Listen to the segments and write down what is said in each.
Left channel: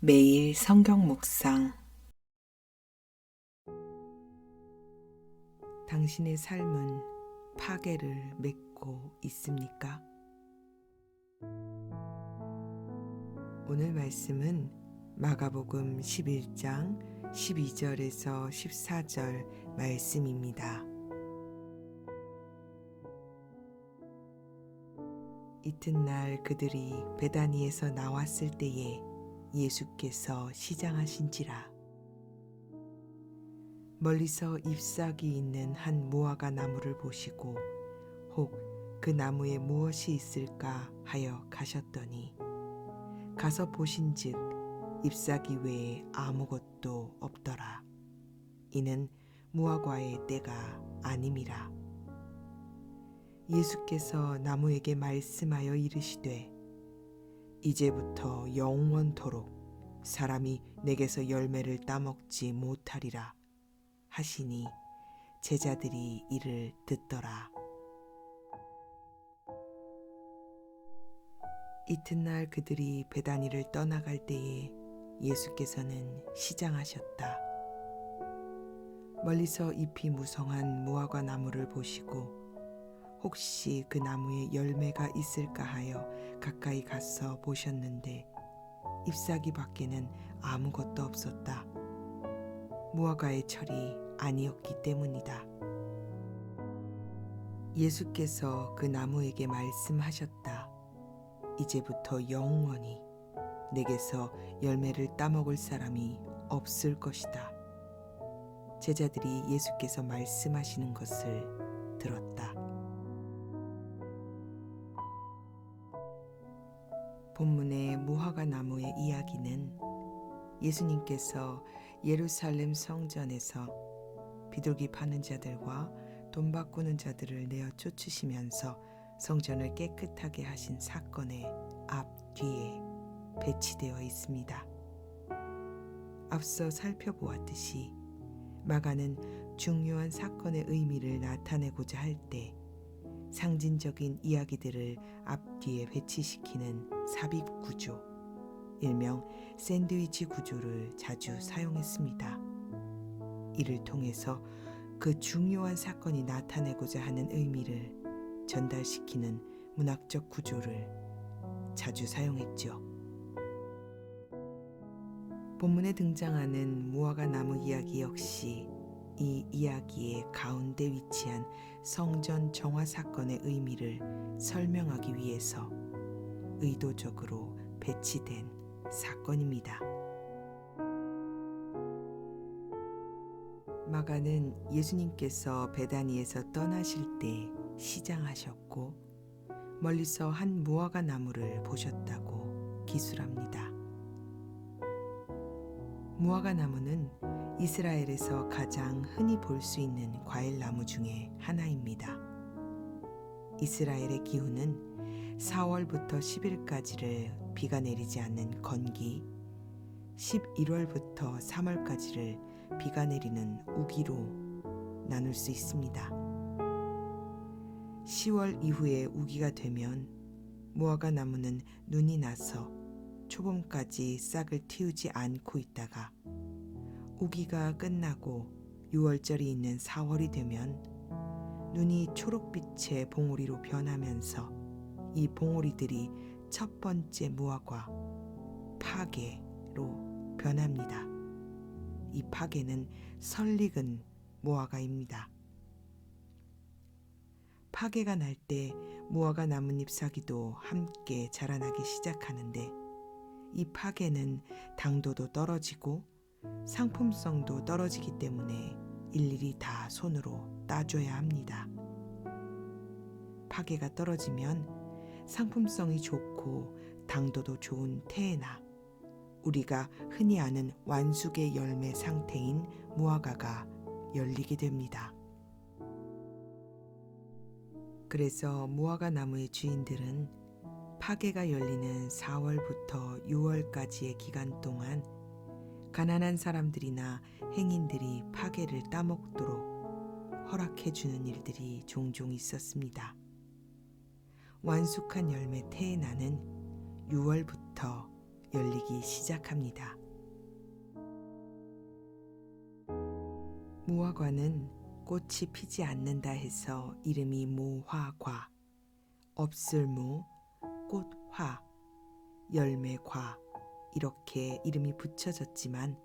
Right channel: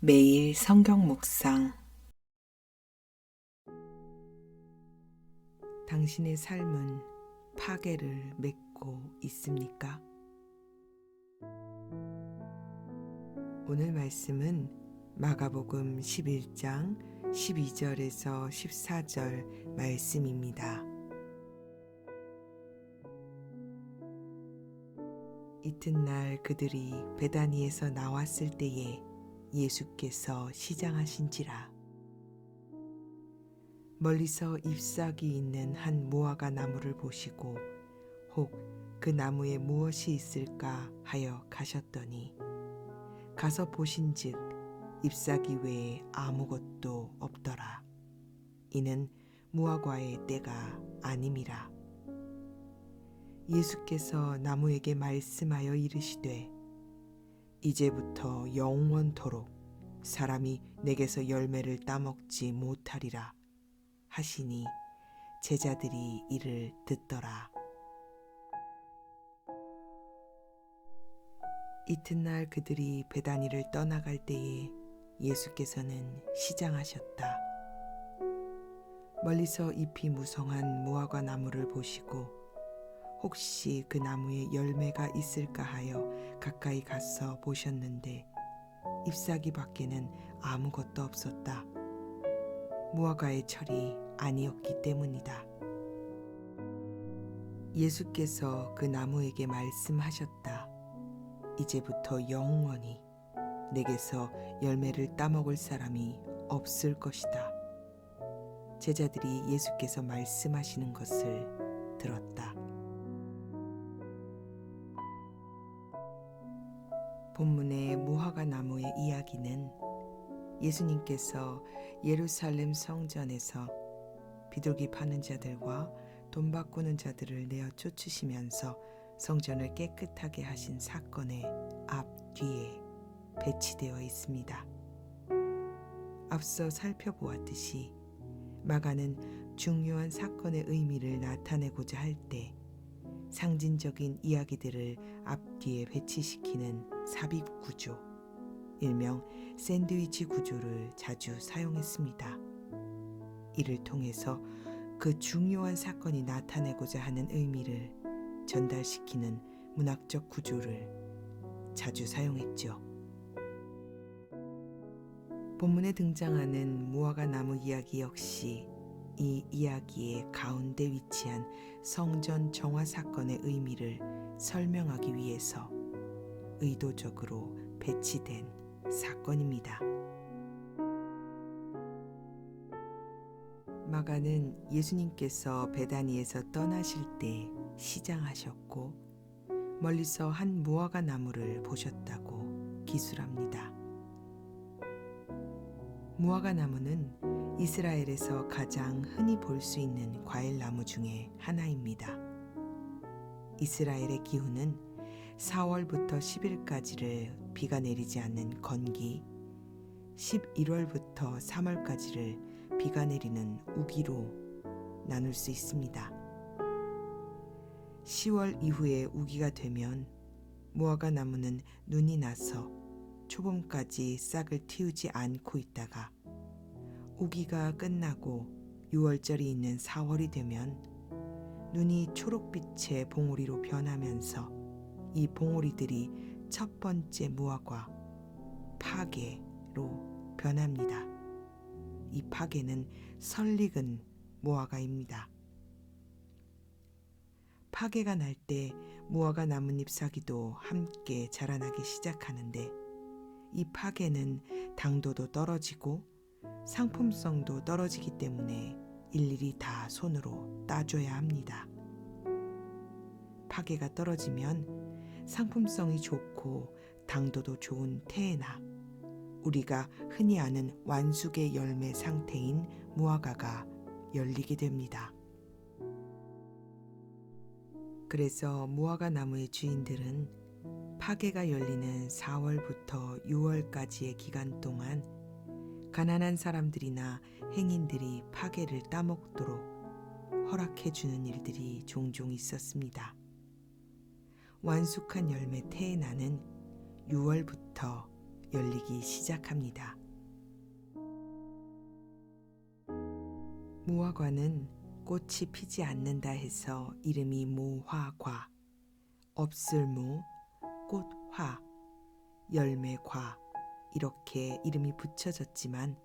매일 성경 묵상. 당신의 삶은 파괴를 맺고 있습니까? 오늘 말씀은 마가복음 11장 12절에서 14절 말씀입니다. 이튿날 그들이 베다니에서 나왔을 때에 예수께서 시장하신지라. 멀리서 잎사귀 있는 한 무화과 나무를 보시고 혹 그 나무에 무엇이 있을까 하여 가셨더니 가서 보신즉 잎사귀 외에 아무것도 없더라. 이는 무화과의 때가 아님이라. 예수께서 나무에게 말씀하여 이르시되 이제부터 영원토록 사람이 내게서 열매를 따먹지 못하리라 하시니 제자들이 이를 듣더라. 이튿날 그들이 베다니를 떠나갈 때에 예수께서는 시장하셨다. 멀리서 잎이 무성한 무화과 나무를 보시고 혹시 그 나무에 열매가 있을까 하여 가까이 가서 보셨는데 잎사귀 밖에는 아무것도 없었다. 무화과의 철이 아니었기 때문이다. 예수께서 그 나무에게 말씀하셨다. 이제부터 영원히 내게서 열매를 따먹을 사람이 없을 것이다. 제자들이 예수께서 말씀하시는 것을 들었다. 본문의 무화과 나무의 이야기는 예수님께서 예루살렘 성전에서 비둘기 파는 자들과 돈 바꾸는 자들을 내어 쫓으시면서 성전을 깨끗하게 하신 사건의 앞뒤에 배치되어 있습니다. 앞서 살펴보았듯이 마가는 중요한 사건의 의미를 나타내고자 할 때 상징적인 이야기들을 앞뒤에 배치시키는 삽입 구조, 일명 샌드위치 구조를 자주 사용했습니다. 이를 통해서 그 중요한 사건이 나타내고자 하는 의미를 전달시키는 문학적 구조를 자주 사용했죠. 본문에 등장하는 무화과 나무 이야기 역시 이 이야기의 가운데 위치한 성전 정화 사건의 의미를 설명하기 위해서 의도적으로 배치된 사건입니다. 마가는 예수님께서 베다니에서 떠나실 때 시장하셨고 멀리서 한 무화과 나무를 보셨다고 기술합니다. 무화과 나무는 이스라엘에서 가장 흔히 볼 수 있는 과일나무 중에 하나입니다. 이스라엘의 기후는 4월부터 10일까지를 비가 내리지 않는 건기, 11월부터 3월까지를 비가 내리는 우기로 나눌 수 있습니다. 10월 이후에 우기가 되면 무화과 나무는 눈이 나서 초봄까지 싹을 틔우지 않고 있다가 우기가 끝나고 6월절이 있는 4월이 되면 눈이 초록빛의 봉우리로 변하면서 이 봉우리들이 첫 번째 무화과 파괴로 변합니다. 이 파괴는 설익은 무화과입니다. 파괴가 날 때 무화과 나뭇잎 사기도 함께 자라나기 시작하는데 이 파괴는 당도도 떨어지고 상품성도 떨어지기 때문에 일일이 다 손으로 따줘야 합니다. 파괴가 떨어지면 상품성이 좋고 당도도 좋은 태에나 우리가 흔히 아는 완숙의 열매 상태인 무화과가 열리게 됩니다. 그래서 무화과 나무의 주인들은 파괴가 열리는 4월부터 6월까지의 기간 동안 가난한 사람들이나 행인들이 파괴를 따먹도록 허락해주는 일들이 종종 있었습니다. 완숙한 열매 태에나는 6월부터 열리기 시작합니다. 무화과는 꽃이 피지 않는다 해서 이름이 무화과, 없을무, 꽃화, 열매과 이렇게 이름이 붙여졌지만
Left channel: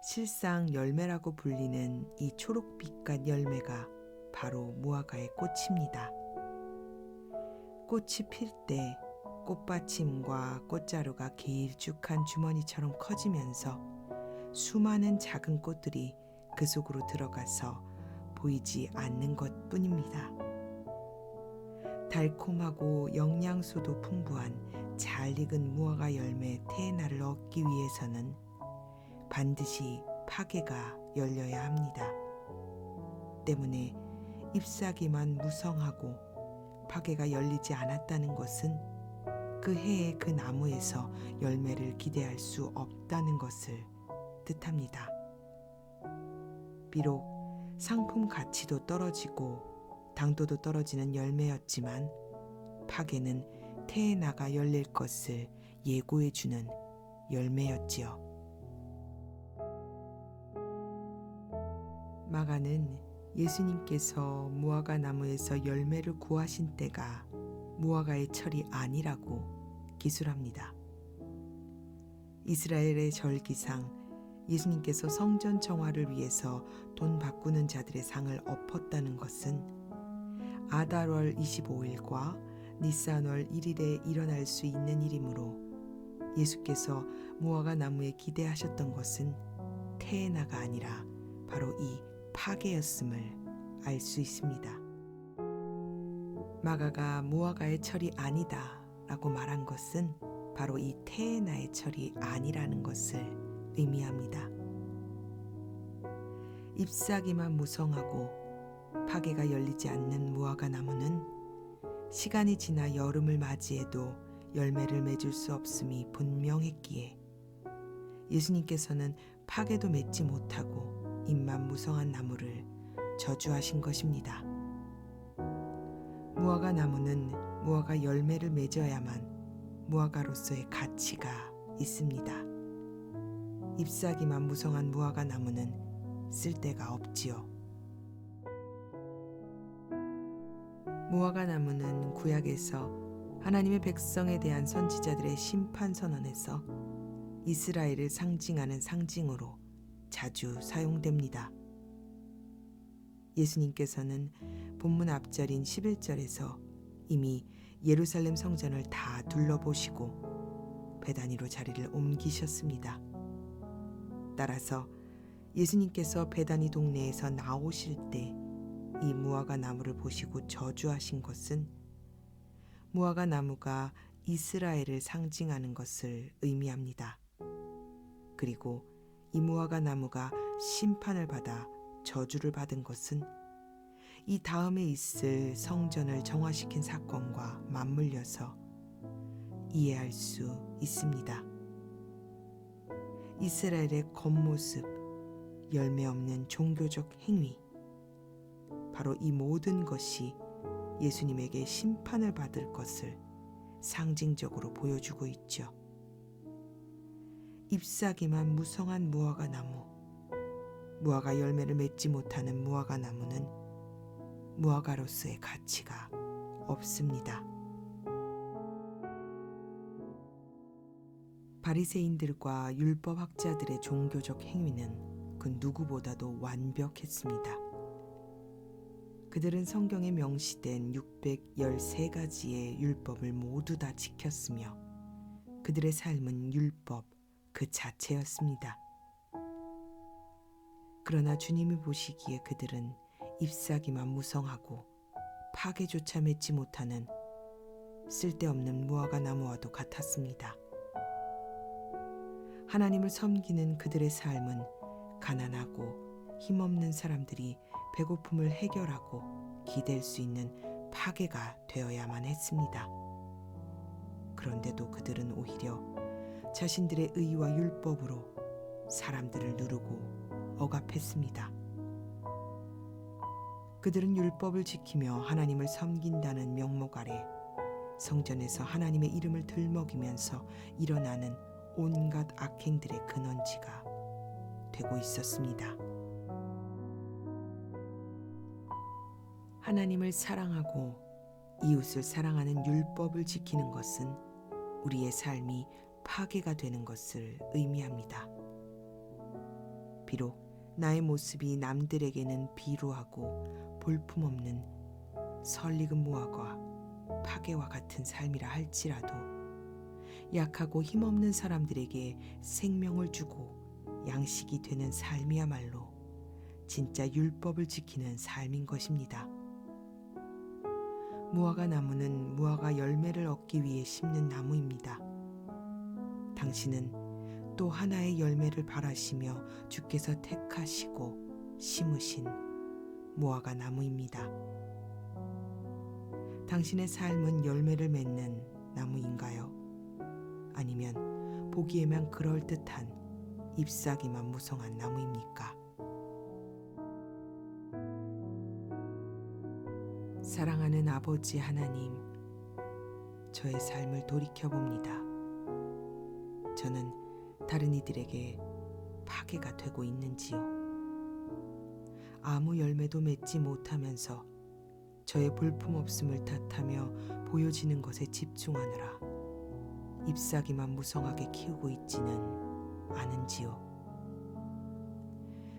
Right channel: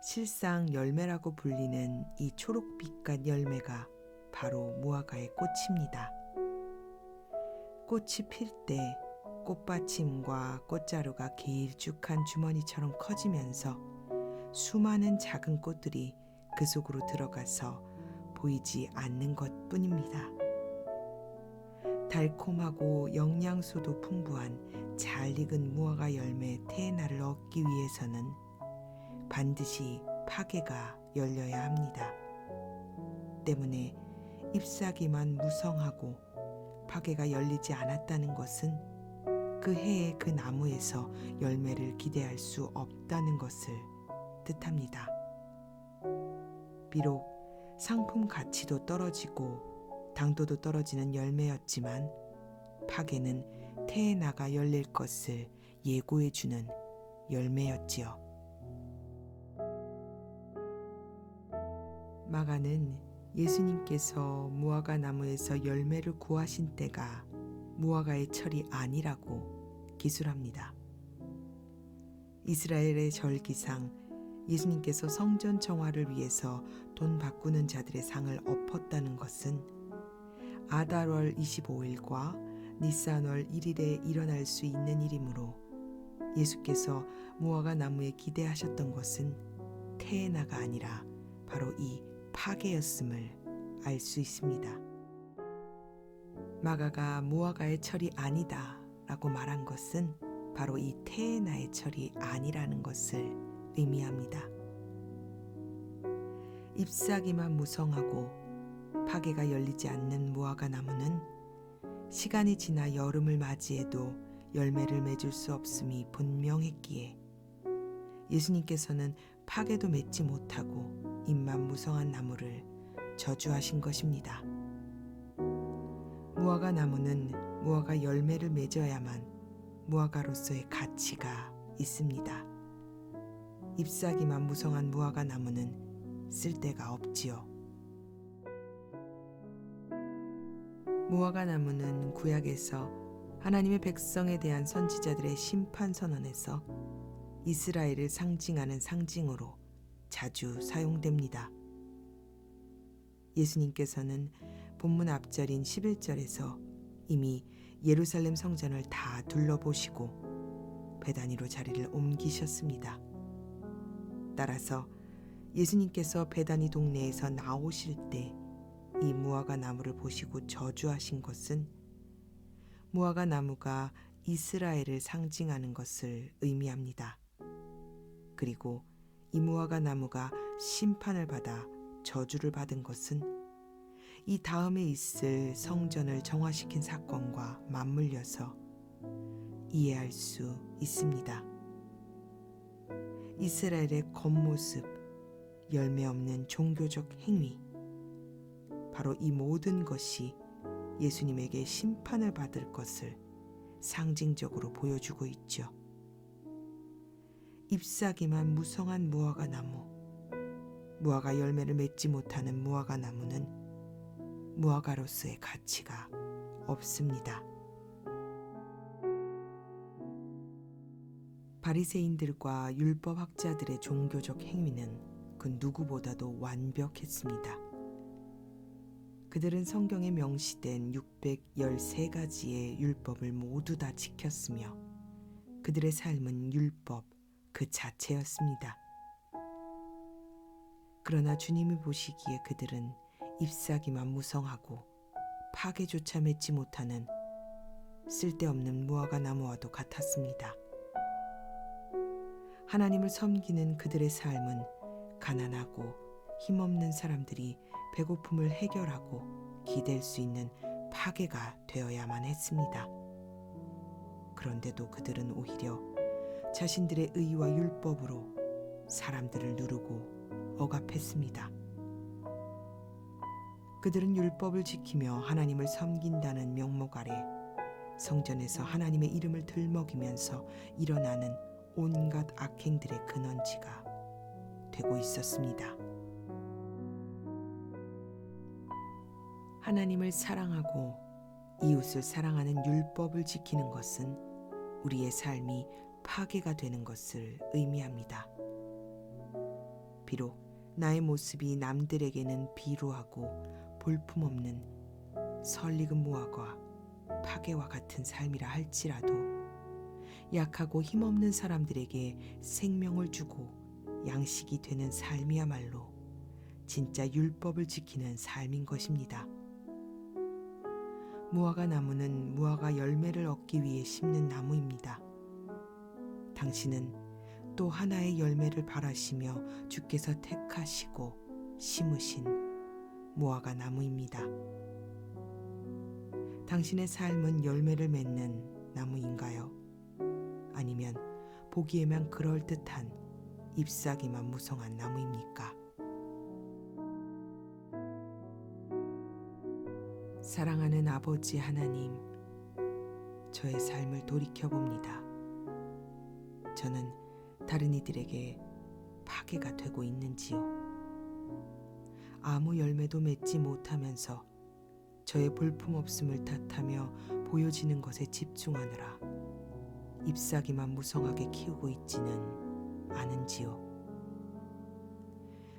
실상 열매라고 불리는 이 초록빛깔 열매가 바로 무화과의 꽃입니다. 꽃이 필 때 꽃받침과 꽃자루가 길쭉한 주머니처럼 커지면서 수많은 작은 꽃들이 그 속으로 들어가서 보이지 않는 것뿐입니다. 달콤하고 영양소도 풍부한 잘 익은 무화과 열매 테에나를 얻기 위해서는 반드시 파게가 열려야 합니다. 때문에 잎사귀만 무성하고 파게가 열리지 않았다는 것은 그 해에 그 나무에서 열매를 기대할 수 없다는 것을 뜻합니다. 비록 상품 가치도 떨어지고 당도도 떨어지는 열매였지만 파게는 테에나가 열릴 것을 예고해주는 열매였지요. 마가는 예수님께서 무화과 나무에서 열매를 구하신 때가 무화과의 철이 아니라고 기술합니다. 이스라엘의 절기상 예수님께서 성전 정화를 위해서 돈 바꾸는 자들의 상을 엎었다는 것은 아달월 25일과 니산월 1일에 일어날 수 있는 일이므로 예수께서 무화과 나무에 기대하셨던 것은 테에나가 아니라 바로 이 파게였음을 알 수 있습니다. 마가가 무화과의 철이 아니다 라고 말한 것은 바로 이 테에나의 철이 아니라는 것을 의미합니다. 잎사귀만 무성하고 파게가 열리지 않는 무화과 나무는 시간이 지나 여름을 맞이해도 열매를 맺을 수 없음이 분명했기에 예수님께서는 파게도 맺지 못하고 잎만 무성한 나무를 저주하신 것입니다. 무화과 나무는 무화과 열매를 맺어야만 무화과로서의 가치가 있습니다. 잎사귀만 무성한 무화과 나무는 쓸데가 없지요. 무화과 나무는 구약에서 하나님의 백성에 대한 선지자들의 심판 선언에서 이스라엘을 상징하는 상징으로 자주 사용됩니다. 예수님께서는 본문 앞절인 11절에서 이미 예루살렘 성전을 다 둘러보시고 베다니로 자리를 옮기셨습니다. 따라서 예수님께서 베다니 동네에서 나오실 때 이 무화과 나무를 보시고 저주하신 것은 무화과 나무가 이스라엘을 상징하는 것을 의미합니다. 그리고 이 무화과 나무가 심판을 받아 저주를 받은 것은 이 다음에 있을 성전을 정화시킨 사건과 맞물려서 이해할 수 있습니다. 이스라엘의 겉모습, 열매 없는 종교적 행위, 바로 이 모든 것이 예수님에게 심판을 받을 것을 상징적으로 보여주고 있죠. 잎사귀만 무성한 무화과 나무, 무화과 열매를 맺지 못하는 무화과 나무는 무화과로서의 가치가 없습니다. 바리새인들과 율법학자들의 종교적 행위는 그 누구보다도 완벽했습니다. 그들은 성경에 명시된 613가지의 율법을 모두 다 지켰으며 그들의 삶은 율법 그 자체였습니다. 그러나 주님이 보시기에 그들은 잎사귀만 무성하고 파게조차 맺지 못하는 쓸데없는 무화과 나무와도 같았습니다. 하나님을 섬기는 그들의 삶은 가난하고 힘없는 사람들이 배고픔을 해결하고 기댈 수 있는 파게가 되어야만 했습니다. 그런데도 그들은 오히려 자신들의 의와 율법으로 사람들을 누르고 억압했습니다. 그들은 율법을 지키며 하나님을 섬긴다는 명목 아래 성전에서 하나님의 이름을 들먹이면서 일어나는 온갖 악행들의 근원지가 되고 있었습니다. 하나님을 사랑하고 이웃을 사랑하는 율법을 지키는 것은 우리의 삶이 파괴가 되는 것을 의미합니다. 비록 나의 모습이 남들에게는 비루하고 볼품없는 설익은 무화과 파괴와 같은 삶이라 할지라도 약하고 힘없는 사람들에게 생명을 주고 양식이 되는 삶이야말로 진짜 율법을 지키는 삶인 것입니다. 무화과 나무는 무화과 열매를 얻기 위해 심는 나무입니다. 당신은 또 하나의 열매를 바라시며 주께서 택하시고 심으신 무화과 나무입니다. 당신의 삶은 열매를 맺는 나무인가요? 아니면 보기에만 그럴듯한 잎사귀만 무성한 나무입니까? 사랑하는 아버지 하나님, 저의 삶을 돌이켜봅니다. 저는 다른 이들에게 파괴가 되고 있는지요? 아무 열매도 맺지 못하면서 저의 볼품없음을 탓하며 보여지는 것에 집중하느라 잎사귀만 무성하게 키우고 있지는 않은지요?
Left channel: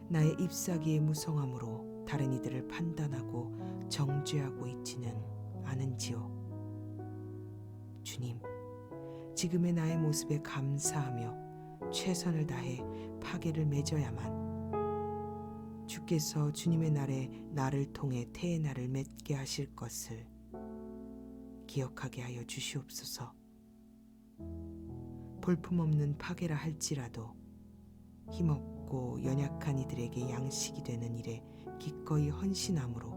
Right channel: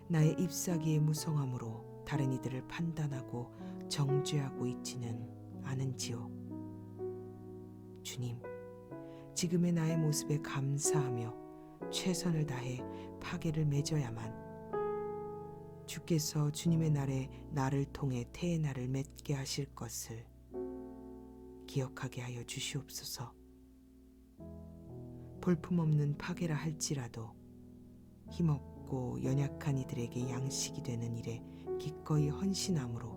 나의 잎사귀의 무성함으로 다른 이들을 판단하고 정죄하고 있지는 않은지요? 주님, 지금의 나의 모습에 감사하며 최선을 다해 파괴를 맺어야만 주께서 주님의 날에 나를 통해 태의 날을 맺게 하실 것을 기억하게 하여 주시옵소서. 볼품없는 파괴라 할지라도 힘없고 연약한 이들에게 양식이 되는 일에 기꺼이 헌신함으로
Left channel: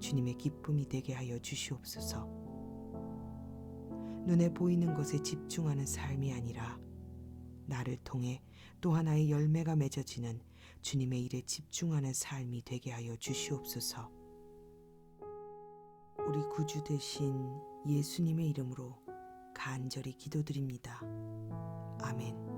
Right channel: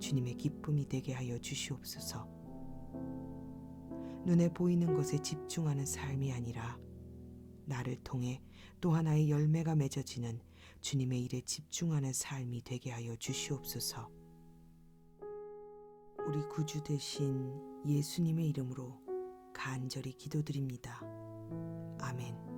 주님의 기쁨이 되게 하여 주시옵소서. 눈에 보이는 것에 집중하는 삶이 아니라 나를 통해 또 하나의 열매가 맺어지는 주님의 일에 집중하는 삶이 되게 하여 주시옵소서. 우리 구주 되신 예수님의 이름으로 간절히 기도드립니다. 아멘.